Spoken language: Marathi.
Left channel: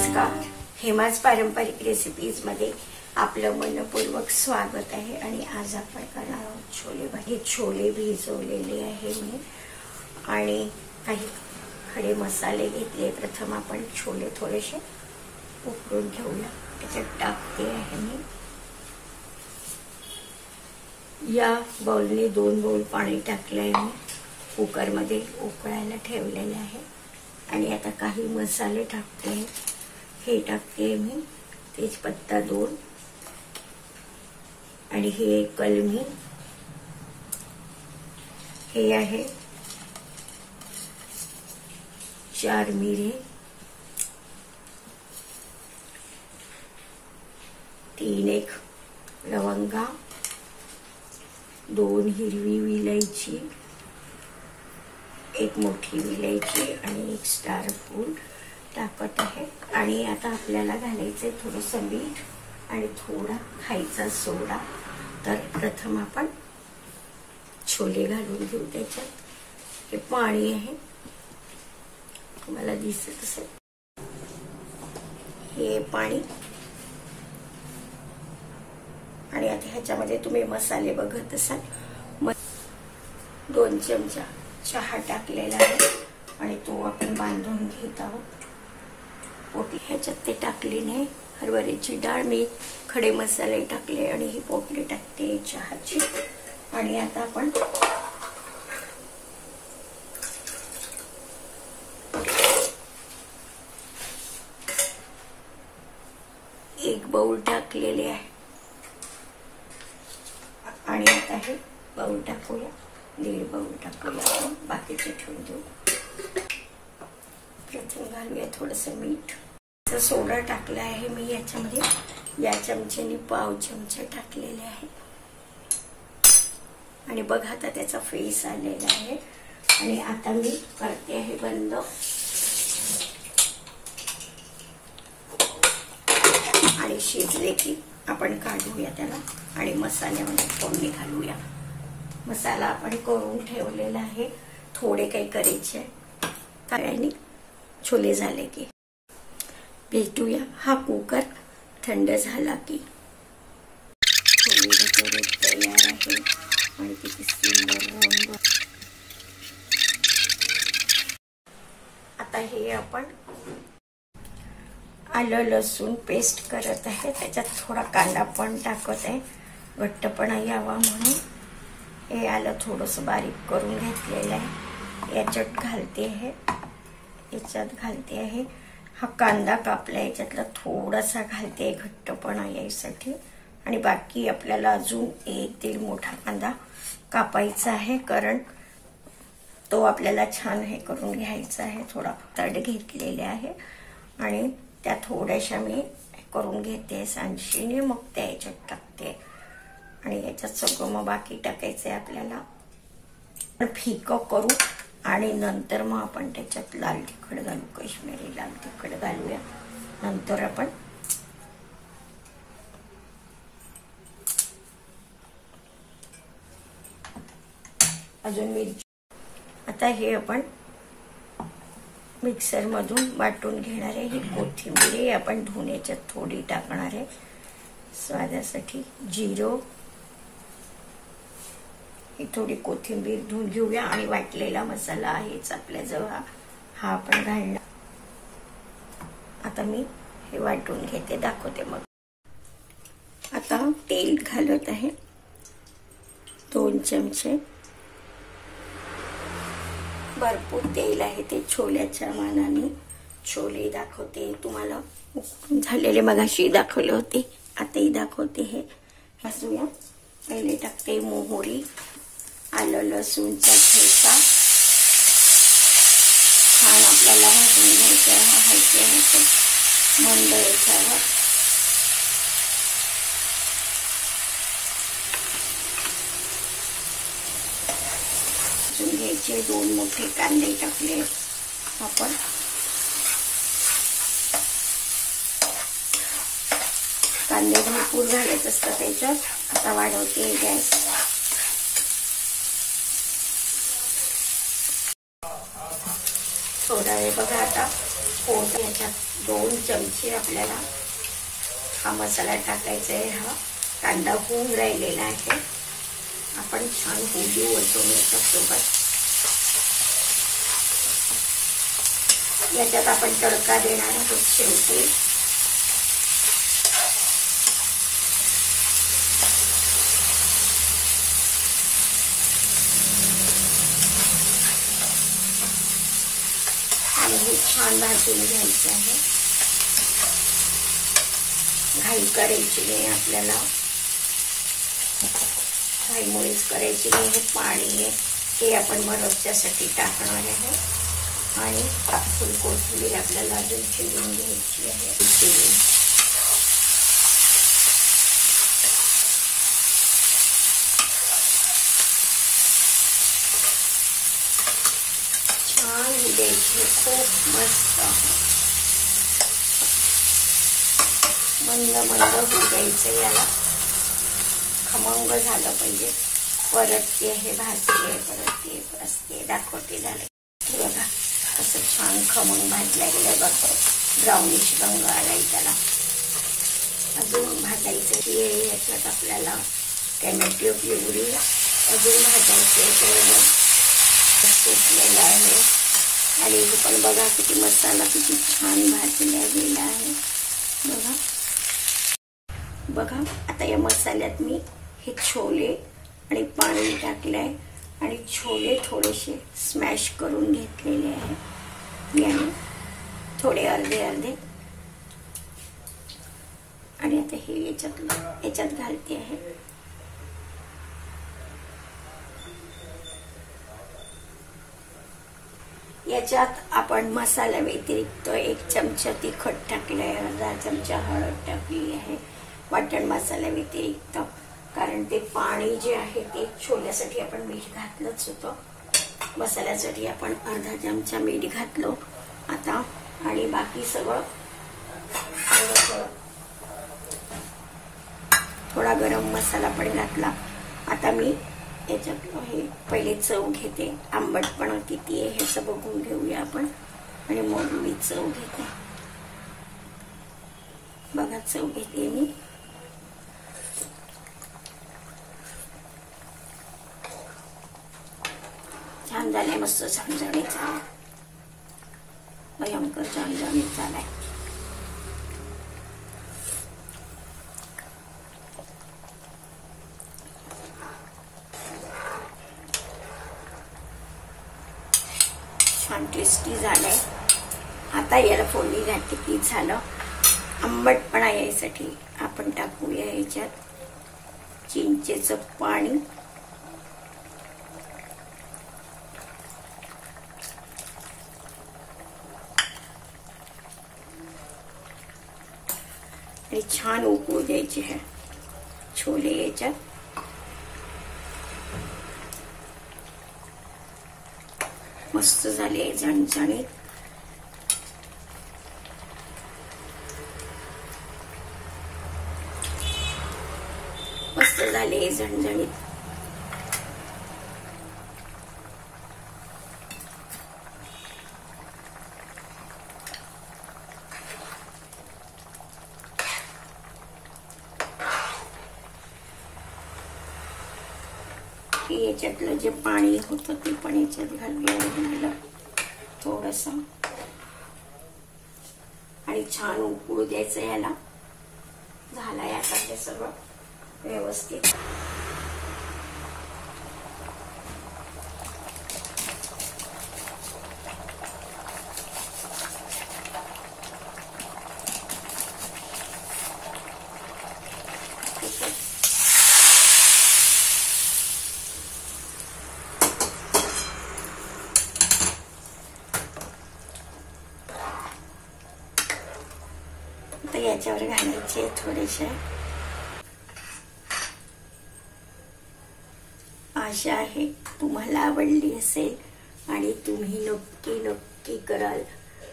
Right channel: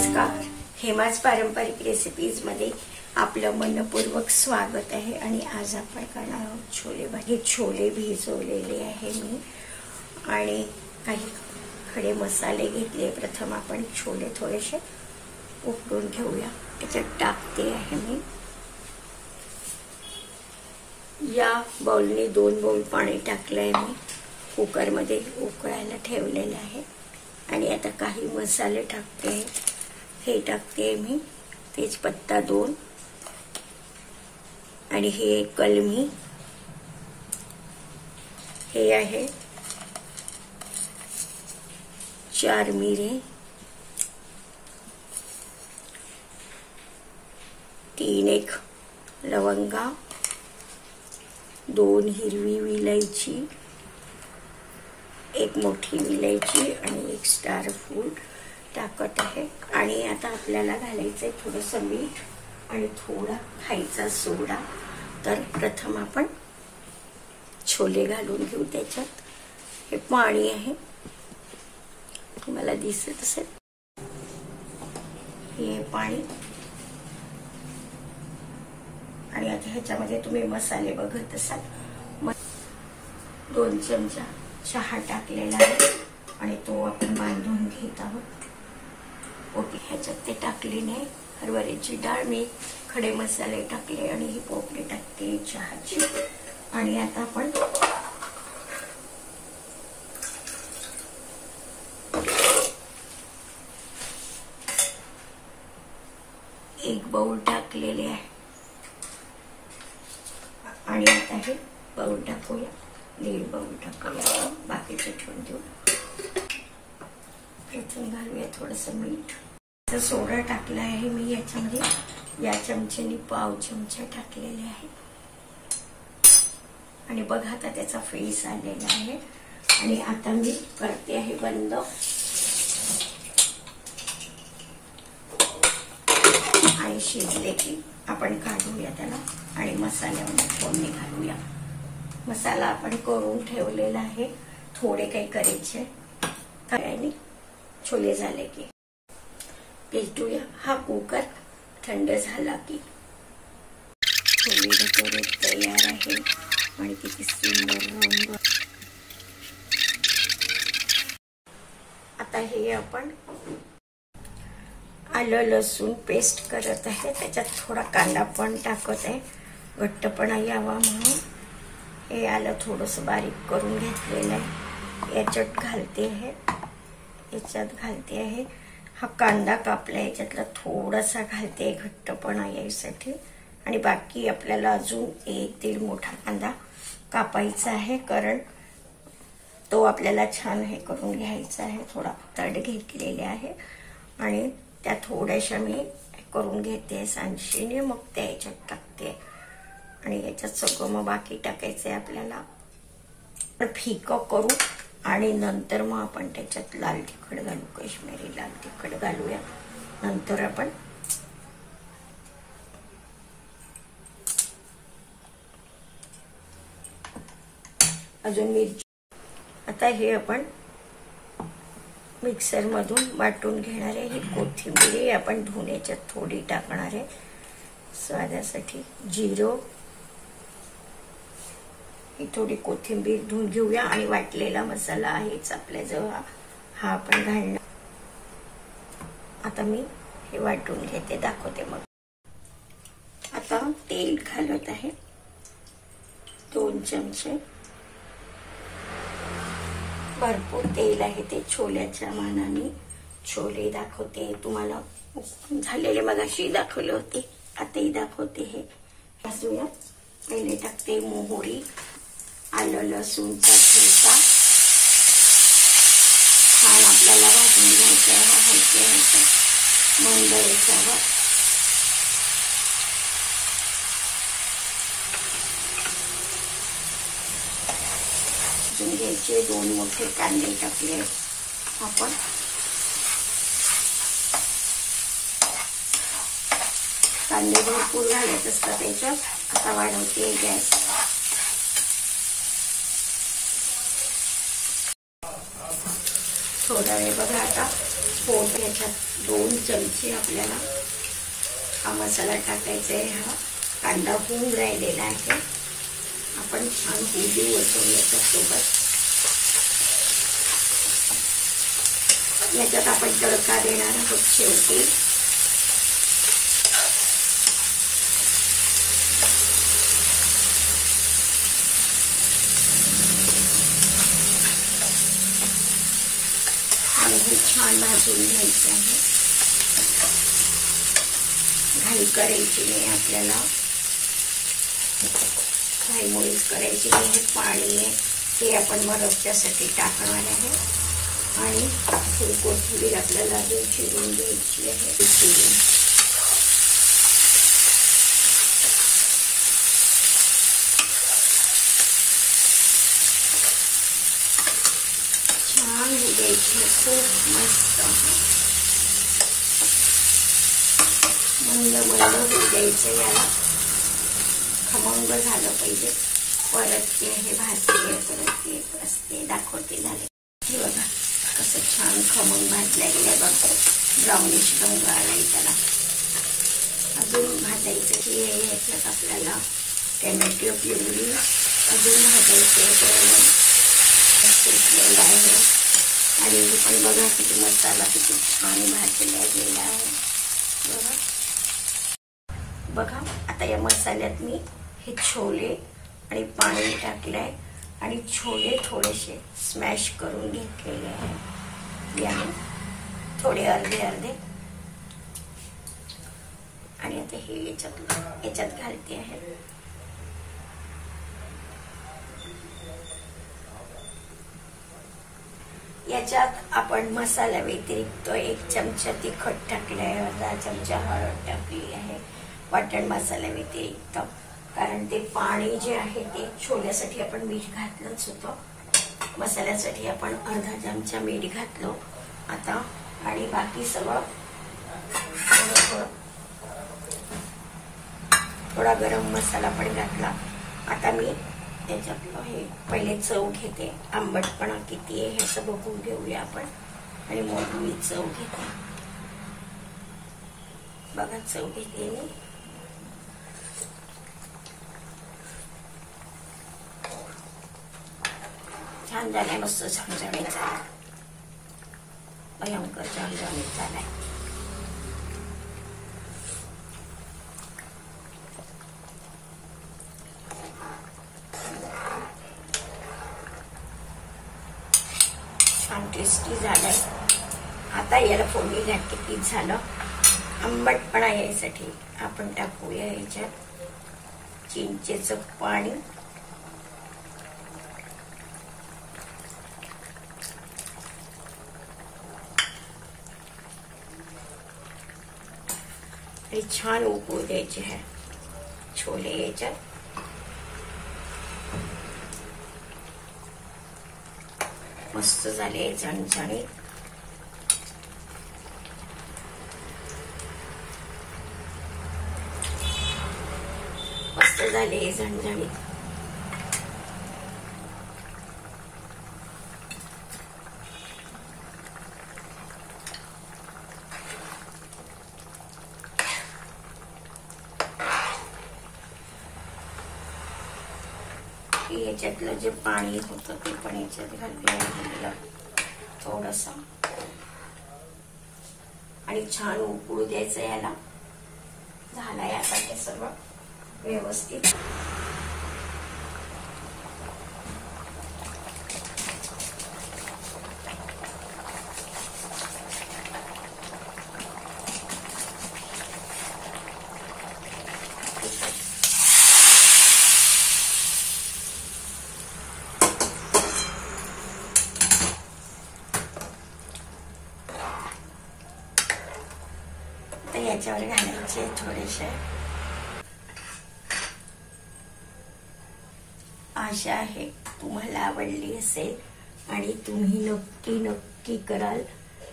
नमस्कार, हेमाज पारंपरिक रेसिपीज मध्ये आपलं मनपूर्वक स्वागत आहे। आणि आज आपण करणार आहोत छोले भाजी। छोले भिजवलेले आहे मी आणि काही खडे मसाले घेतले। प्रथम आपण छोले थोडेसे उकळून घेऊया। त्याच्यात टाकते आहे मी या बाउलने 2 बाउल पाणी टाकलंय मी कुकर मध्ये उकळायला ठेवलेले आहे। आणि आता काही मसाले टाकते। हे टाकते मी तेजपत्ता 2 आणि हे कलमी, हे आहे 4 मिरे, 3 एक लवंगा, 2 हिरवी विलायची, 1 मोठी विलायची आणि 1 स्टार फूल टाकत आहे। आणि आता आपल्याला घालायचंय थोडंसं मीठ आणि थोडा खायचा सोडा। तर प्रथम आपण छोले घालून घेऊ त्याच्यात। हे पाणी आहे, तुम्हाला दिसत असेल हे पाणी। आणि आता ह्याच्यामध्ये तुम्ही मसाले बघत असाल, 2 चमचा चहा टाकलेला आहे आणि तो आपण बांधून घेत आहोत। पोटली ह्याच्यात ते टाकली नाही, हरभऱ्याची डाळ, मी खडे मसाले टाकले आणि ही पोटली टाकते चहाची। आणि आता आपण एक बाउल टाकलेले आहे आणि आता हे बाउल टाकूया, 1.5 बाउल टाकूया, बाकीचे ठेवून देऊ। प्रथम घालूया थोडंसं मीठ, सोडा टाकला आहे मी याच्यामध्ये, या चमच्याने 1/2 चमचा टाकलेले आहे। आणि बघा आता त्याचा फेस आलेला आहे। आणि आता मी करते आहे बंद आणि शिजले की आपण काढूया त्याला आणि मसाल्यामध्ये फोडणी घालूया। मसाला आपण करून ठेवलेला आहे, थोडे काही करायचे आणि छोले झाले की भेटूया। हा कुकर थंड झाला की छोले भटुरे तयार आहे आणि किती सुंदर रंग। आता हे आपण आलं लसूण पेस्ट करत आहे, त्याच्यात थोडा कांदा पण टाकत आहे घट्टपणा यावा म्हणून। हे आलं थोडंसं बारीक करून घेतलेलं आहे, याच्यात घालते आहे, याच्यात घालते आहे। हा कांदा कापला याच्यातला थोडासा घालते घट्टपणा यायसाठी। आणि बाकी आपल्याला अजून 1-1.5 मोठा कांदा कापायचा आहे, कारण तो आपल्याला छान हे करून घ्यायचा आहे। थोडा तड घेतलेले आहे आणि त्या थोड्याशा मी करून घेते सांडशीने, मग त्या याच्यात टाकते। आणि याच्यात सगळं मग बाकी टाकायचंय आपल्याला, फिकं करू आणि नंतर मग आपण त्याच्यात लाल तिखट घालू, काश्मीरी लाल तिखट घालूया। नंतर आपण अजून मिरची। आता हे आपण मिक्सर मधून वाटून घेणार आहे। ही कोथिंबीर आपण धुवून याच्यात थोडी टाकणार आहे स्वादासाठी। जिरं, थोडी कोथिंबीर धुवून घेऊया आणि वाटलेला मसाला आहेच आपल्याजवळ, हा आपण घालणार। आता मी हे वाटून घेते, दाखवते मग। आता तेल घालत आहे 2 चमचे, भरपूर तेल आहे ते छोल्याच्या मानाने। छोले दाखवते तुम्हाला, झालेले मगाशी दाखवले होते, आताही दाखवते। हे भाजूया। पहिले टाकते मोहरी, आलं लसूणचा ठेचा, छान आपल्याला भाजून घ्यायचं आहे मंद याच्यावर। भाजून घ्यायचे। 2 मोठे कांदे टाकले आपण, कांदे भरपूर घालत असतात त्याच्यात। आता वाढवते गॅस। थोडा वेळ बघा, आता याच्यात 2 चमचे आपल्याला हा मसाला टाकायचा आहे. हा कांदा होऊन राहिलेला आहे. आपण छान होऊ देऊ याच्यासोबत. याच्यात आपण तडका देणार आहोत शेवटी. आणि हे छान भाजून घ्यायचं आहे. घाई करायची नाही आपल्याला, घाईमुळेच करायची नाही. हे पाणी आहे ते आपण मग रस्त्यासाठी टाकणार आहे. आणि थोडी कोथिंबीर आपल्याला अजून चिरून घ्यायची आहे. छान द्यायची, खूप मस्त मंद मंद होऊ द्यायचं. याला खमंग झालं पाहिजे. परत ते हे भाजते, परत ते असते दाखवते. झाले हे बघा, असं छान खमंग भाजल्या गेल्या बघतो. ब्राउनिश रंग आलाय त्याला. अजून भाजायचं की याच्यात आपल्याला टॅमॅटो प्युरी अजून भाजायचं सुटलेलं आहे. आणि पण बघा किती मसाला किती छान भाजला गेला आहे. बघा आता या मसाल्यात मी हे छोले आणि पाणी टाकलंय आणि छोले थोडेसे स्मॅश करून घेतलेले आहे याने, थोडे अर्धे अर्धे. आणि आता हे याच्यात घालते आहे. याच्यात आपण मसाला व्यतिरिक्त 1 चमचा तिखट टाकलाय, अर्धा चमचा हळद टाकली आहे वाटण मसाला व्यतिरिक्त. कारण ते पाणी जे आहे ते छोल्यासाठी आपण मीठ घातलंच होतं. मसाल्यासाठी आपण अर्धा चमचा मीठ घातलो आता. आणि बाकी सगळं थोडा गरम मसाला पण घातला. आता मी त्याच्यात हे पहिले चव घेते. आंबटपणा किती आहे हे सगळं बघून घेऊया आपण. आणि मग मी चव घेते. बघा चव घेते मी. छान झाले, मस्त झणझणीत झाला, भयंकर झणझणीत झालाय. छान टेस्टी झालाय. आता याला फोडणी घातली की झालं. आंबटपणा यायसाठी आपण टाकूया याच्यात चिंचेचं पाणी. आणि छान उकळू द्यायचे आहे छोले याच्यात. मस्त झाले झणझणीत. मस्त झाले झणझणीत. याच्यातलं जे पाणी होतं ते पण याच्यात घालूया थोडस. आणि छान उकळू द्यायचं याला. झालंय आता हे सगळं व्यवस्थित. याच्यावर घालायचे थोडेसे. आशा आहे तुम्हाला आवडली असेल आणि तुम्ही नक्की कराल.